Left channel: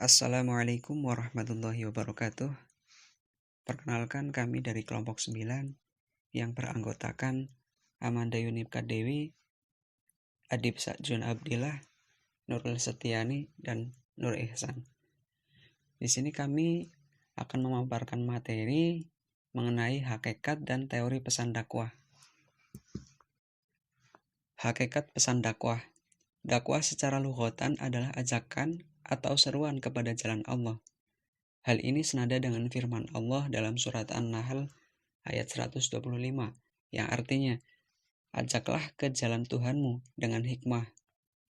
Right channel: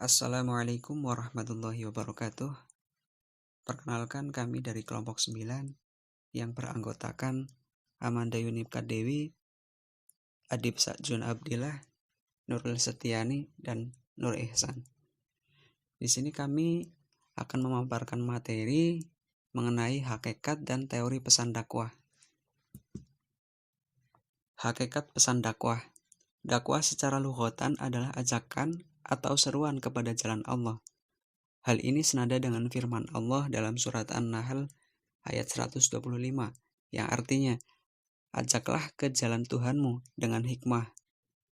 Assalamualaikum warahmatullahi wabarakatuh. Perkenalkan kami dari kelompok 9 yang beranggotakan Amanda Yunifka Dewi, Adib Sakjun Abdillah, Nurul Setiani, dan Nur Ihsan. Di sini kami akan memaparkan materi mengenai hakikat dan teori pesan dakwah. Hakikat pesan dakwah. Dakwah secara lughatan adalah ajakan atau seruan kepada jalan Allah. Hal ini senada dengan firman Allah dalam surat An-Nahl ayat 125 yang artinya, ajaklah ke jalan Tuhanmu dengan hikmah,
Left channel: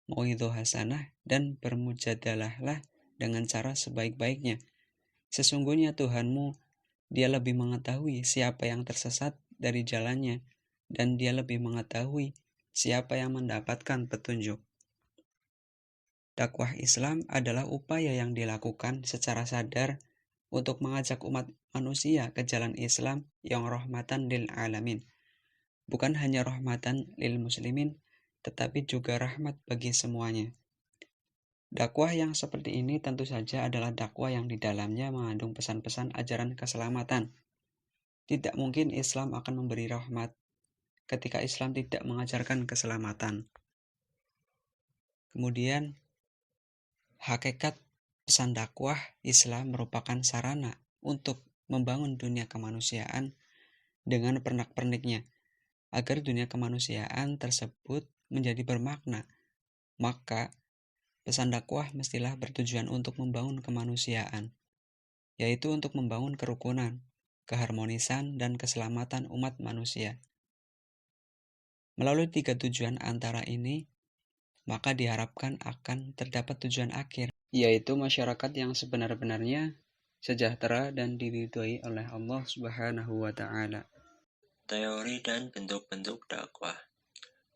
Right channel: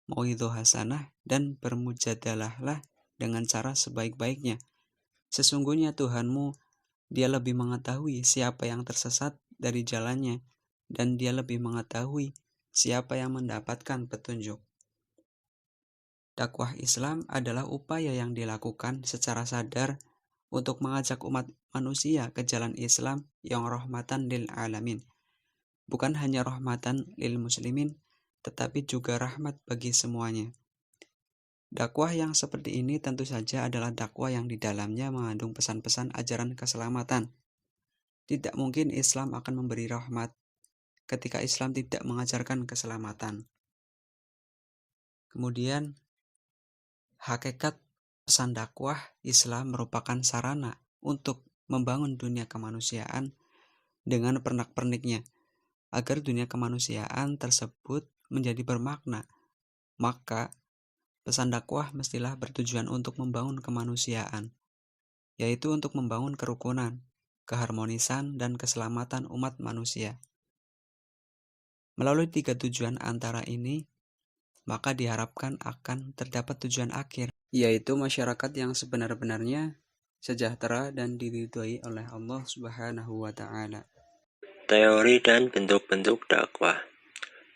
mauidhah hasanah, dan bermujadalahlah dengan cara sebaik-baiknya. Sesungguhnya Tuhanmu, Dia lebih mengetahui siapa yang tersesat dari jalannya, dan Dia lebih mengetahui siapa yang mendapatkan petunjuk. Dakwah Islam adalah upaya yang dilakukan secara sadar untuk mengajak umat manusia ke jalan Islam yang rahmatan lil alamin. Bukan hanya rahmatan lil muslimin, tetapi juga rahmat bagi semuanya. Dakwah yang seperti ini tentu saja adalah dakwah yang di dalamnya mengandung pesan-pesan ajaran keselamatan. Tidak mungkin Islam akan memberi rahmat ketika Islam tidak mengajarkan keselamatan. Kemudian, hakikat pesan dakwah Islam merupakan sarana untuk membangun dunia kemanusiaan dengan pernak-perniknya, agar dunia kemanusiaan tersebut menjadi bermakna. Maka, pesan dakwah mestilah bertujuan untuk membangun kemanusiaan, yaitu untuk membangun kerukunan, keharmonisan, dan keselamatan umat manusia. Melalui 3 tujuan antara ini, maka diharapkan akan terdapat tujuan akhir, yaitu masyarakat yang sebenar-benarnya sejahtera dan diridhoi oleh Allah Subhanahu wa Ta'ala. Teori dan bentuk-bentuk dakwah.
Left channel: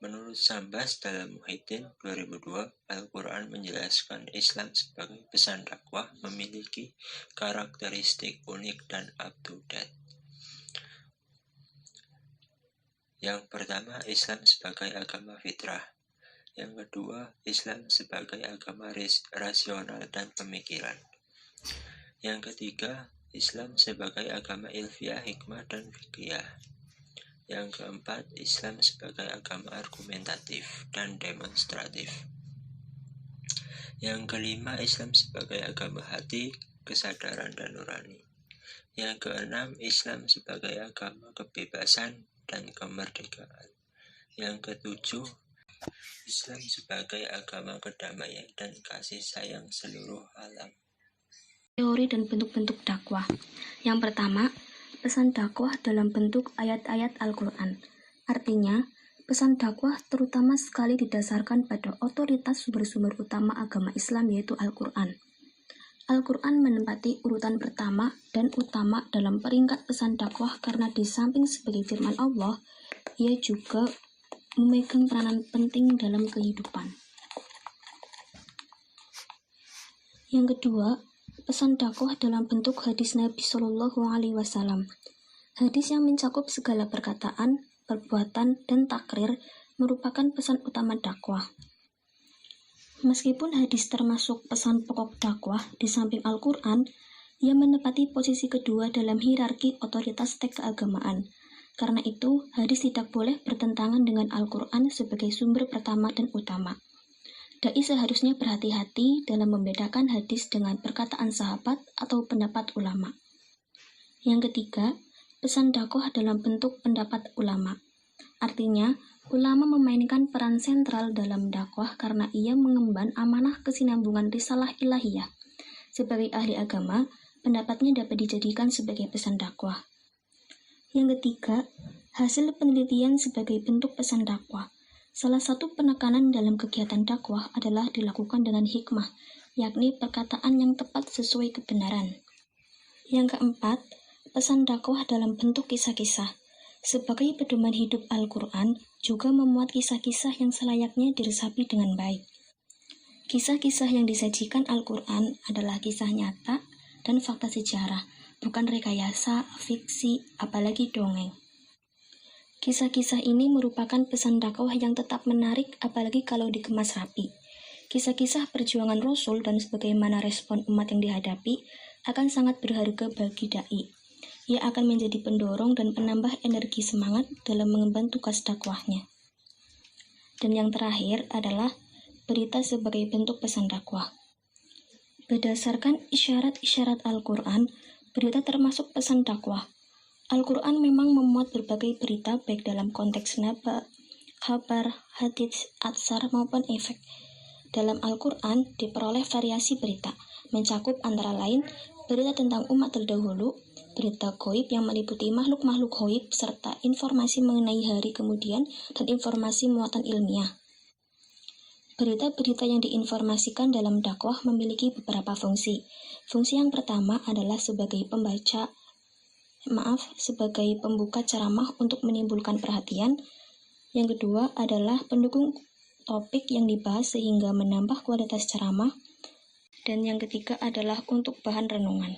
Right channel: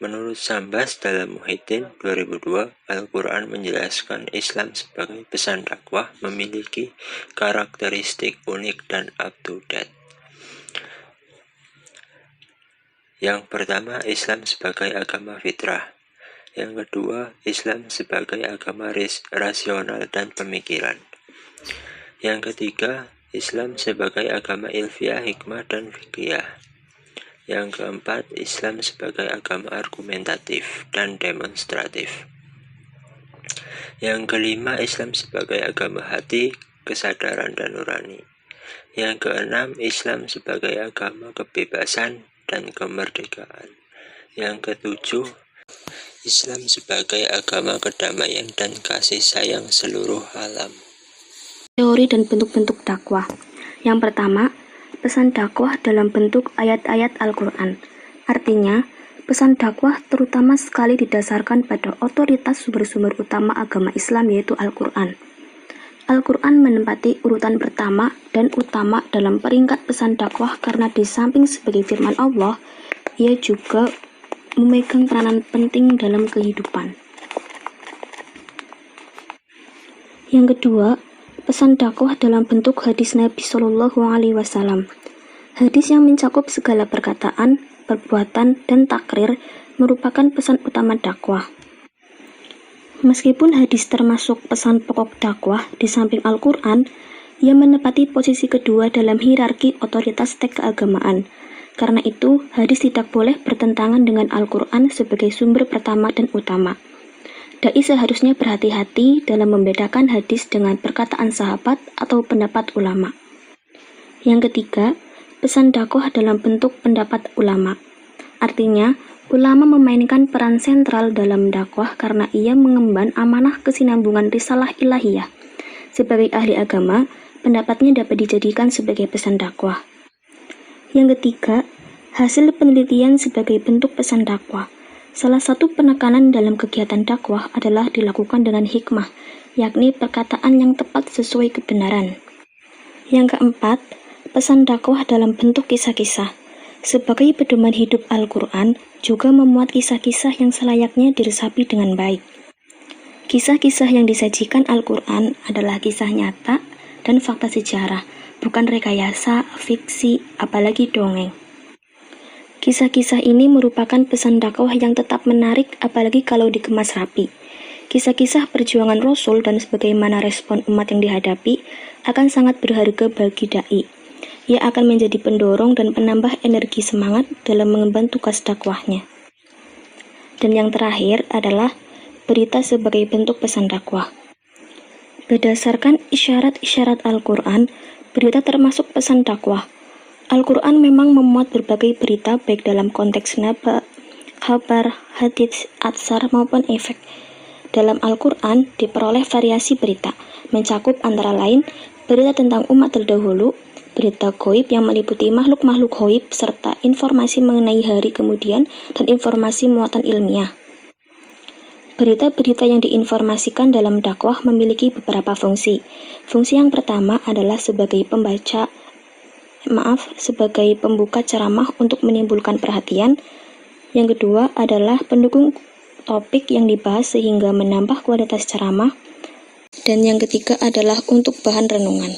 Menurut Sambas dalam Muhyiddin 2002, Al-Quran menjelaskan Islam sebagai pesan dakwah memiliki karakteristik unik dan up-to-date. Yang pertama, Islam sebagai agama fitrah. Yang kedua, Islam sebagai agama rasional dan pemikiran. Yang ketiga, Islam sebagai agama ilmiah, hikmah, dan fikih. Yang keempat, Islam sebagai agama argumentatif dan demonstratif. Yang kelima, Islam sebagai agama hati, kesadaran, dan nurani. Yang keenam, Islam sebagai agama kebebasan dan kemerdekaan. Yang ketujuh, Islam sebagai agama kedamaian dan kasih sayang seluruh alam. Teori dan bentuk-bentuk dakwah. Yang pertama, pesan dakwah dalam bentuk ayat-ayat Al-Quran. Artinya, pesan dakwah terutama sekali didasarkan pada otoritas sumber-sumber utama agama Islam, yaitu Al-Quran. Al-Quran menempati urutan pertama dan utama dalam peringkat pesan dakwah karena di samping sebagai firman Allah, ia juga memegang peranan penting dalam kehidupan. Yang kedua, pesan dakwah dalam bentuk hadis Nabi Shallallahu Alaihi Wasallam. Hadis yang mencakup segala perkataan, perbuatan, dan takrir merupakan pesan utama dakwah. Meskipun hadis termasuk pesan pokok dakwah di samping Al-Quran, ia menempati posisi kedua dalam hierarki otoritas teks keagamaan. Karena itu, hadis tidak boleh bertentangan dengan Al-Quran sebagai sumber pertama dan utama. Dai seharusnya berhati-hati dalam membedakan hadis dengan perkataan sahabat atau pendapat ulama. Yang ketiga, pesan dakwah dalam bentuk pendapat ulama. Artinya, ulama memainkan peran sentral dalam dakwah karena ia mengemban amanah kesinambungan risalah ilahiyah. Sebagai ahli agama, pendapatnya dapat dijadikan sebagai pesan dakwah. Yang ketiga, hasil penelitian sebagai bentuk pesan dakwah. Salah satu penekanan dalam kegiatan dakwah adalah dilakukan dengan hikmah, yakni perkataan yang tepat sesuai kebenaran. Yang keempat, pesan dakwah dalam bentuk kisah-kisah. Sebagai pedoman hidup Al-Quran, juga memuat kisah-kisah yang selayaknya diresapi dengan baik. Kisah-kisah yang disajikan Al-Quran adalah kisah nyata dan fakta sejarah, bukan rekayasa, fiksi, apalagi dongeng. Kisah-kisah ini merupakan pesan dakwah yang tetap menarik, apalagi kalau dikemas rapi. Kisah-kisah perjuangan Rasul dan sebagaimana respon umat yang dihadapi akan sangat berharga bagi dai. Ia akan menjadi pendorong dan penambah energi semangat dalam mengemban tugas dakwahnya. Dan yang terakhir adalah berita sebagai bentuk pesan dakwah. Berdasarkan isyarat-isyarat Al-Quran, berita termasuk pesan dakwah. Al-Quran memang memuat berbagai berita baik dalam konteks naba, kabar, hadits, atsar maupun efek. Dalam Al-Quran diperoleh variasi berita, mencakup antara lain berita tentang umat terdahulu, berita ghaib yang meliputi makhluk-makhluk ghaib, serta informasi mengenai hari kemudian dan informasi muatan ilmiah. Berita-berita yang diinformasikan dalam dakwah memiliki beberapa fungsi. Fungsi yang pertama adalah sebagai pembuka ceramah untuk menimbulkan perhatian. Yang kedua adalah pendukung topik yang dibahas sehingga menambah kualitas ceramah. Dan yang ketiga adalah untuk bahan renungan.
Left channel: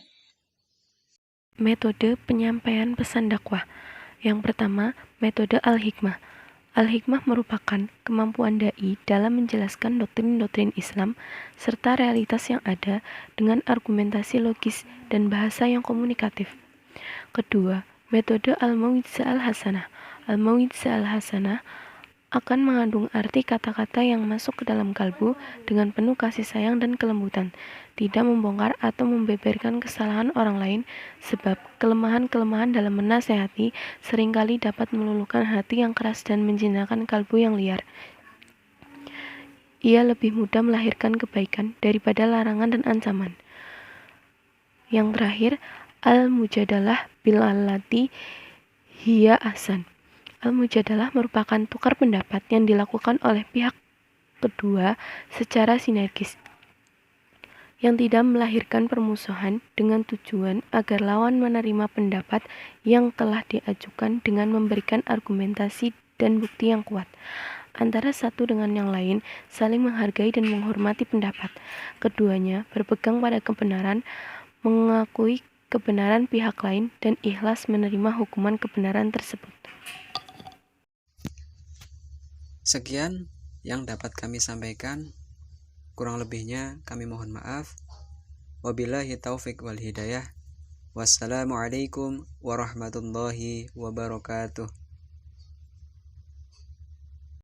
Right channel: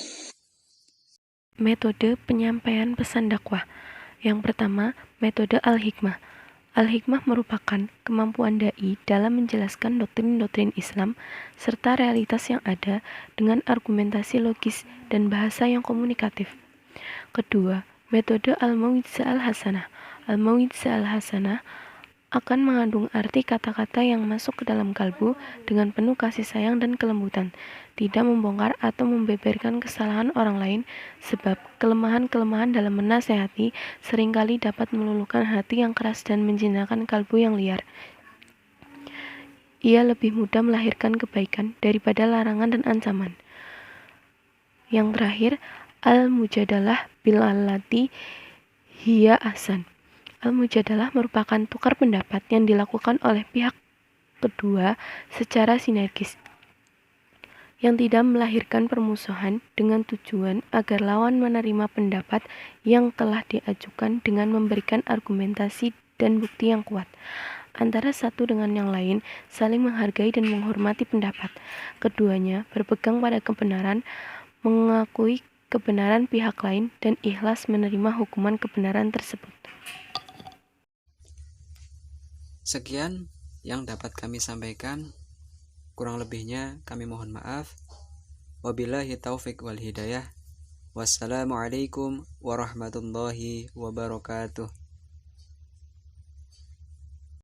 Metode penyampaian pesan dakwah. Yang pertama, metode al-hikmah. Al-hikmah merupakan kemampuan dai dalam menjelaskan doktrin-doktrin Islam serta realitas yang ada dengan argumentasi logis dan bahasa yang komunikatif. Kedua, metode al-mau'izah al-hasanah. Al-mau'izah al-hasanah akan mengandung arti kata-kata yang masuk ke dalam kalbu dengan penuh kasih sayang dan kelembutan, tidak membongkar atau membeberkan kesalahan orang lain, sebab kelemahan-kelemahan dalam menasehati seringkali dapat meluluhkan hati yang keras dan menjinakkan kalbu yang liar. Ia lebih mudah melahirkan kebaikan daripada larangan dan ancaman. Yang terakhir, al-mujadalah bil-allati hiya ahsan. Al-mujadalah merupakan tukar pendapat yang dilakukan oleh pihak kedua secara sinergis, yang tidak melahirkan permusuhan dengan tujuan agar lawan menerima pendapat yang telah diajukan dengan memberikan argumentasi dan bukti yang kuat. Antara satu dengan yang lain saling menghargai dan menghormati pendapat. Keduanya berpegang pada kebenaran, mengakui kebenaran pihak lain, dan ikhlas menerima hukuman kebenaran tersebut. Sekian yang dapat kami sampaikan. Kurang lebihnya kami mohon maaf. Wabillahi taufik wal hidayah. Wassalamualaikum warahmatullahi wabarakatuh.